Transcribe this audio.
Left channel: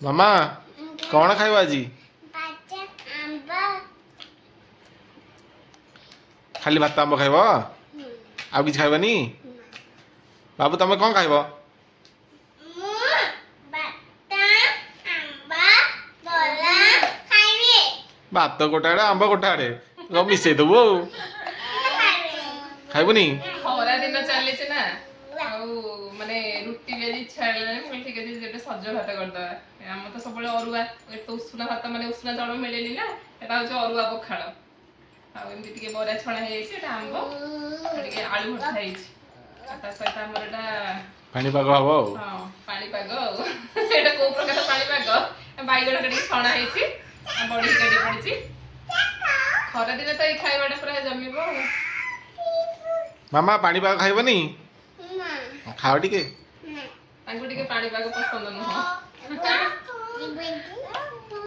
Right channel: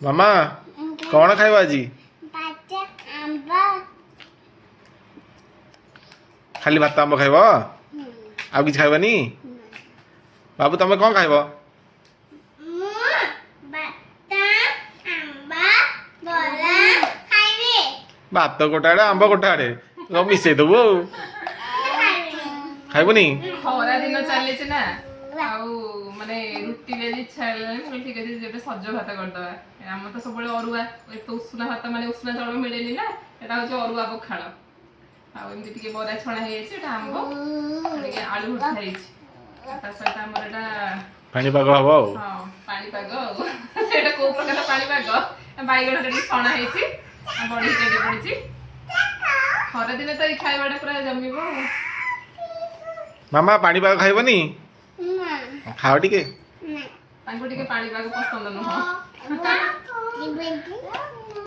ମାମା କଣ ଖାଇବ ଆଜି? ଖାଲି ଭାତ ଆମ୍ବ ଖାଇବ? ଆଉ କିଛି ଖାଇବନି? ବାବୁ ତମେ କଣ ଖାଇବ? ଭାତ ଗୋଟା ଆଡେ ଆମ୍ବ ଗୋଟା ଆଡେ ସବୁ ମିଶେଇ ଦବୁ ଆଉ। ଖାଇବୁନି? ଖରା ଦିନ ଚାଲିଛି ନା ଆଉ ମାନେ ରୁଟି ଯଦି ଇଚ୍ଛା ହେଲାନି ତାହେଲେ ଠିକ ଅଛି ଗୋଟେ ସଜ ଭାତ କରିଦବା। ଆମର ତ ସବୁବେଳେ ଅରୁଆ ଏତେ ଉଷୁନା ଭାତ ମାନେ ଉଷୁନା ଚାଉଳ ମିଳେନି ନା ଏଟା ହଉଛି ଅରୁଆ ପଖାଳ। ଆଉ ଏମିତି ଟିକେ ବରା ଛଣା ହେଇଯାଇଛି ଏଟା ଆମ୍ବ ଟିକେ ଆଳୁ ଭର୍ତ୍ତା ହେଇଛି ତା ସହିତ ଆମର ଏଟା ପାଣିପାଗ ହବ ଆଉ। ହଁ ପାଣିପାଗ ଆଉ ଏଇଟା କୋଉ ପ୍ରକାର ପାଣିପାଗ ବାଇଗଣ ଟିକେ ଛଣା ହେଇଛି ଆଉ ବଢି ଟିକେ ପଡିଛି। ଖରାଦିନେ ତ ଏଇ ଖାଇବାଟା ପୁରା ଜମିବ ଆଉ। ମାମା ପାଣିପାଗ ଖାଇବନି? ଖାଅ ଟିକେ। ତାଙ୍କୁ ଟିକେ ପାଣିପାଗ ପସନ୍ଦ ନୁହଁ।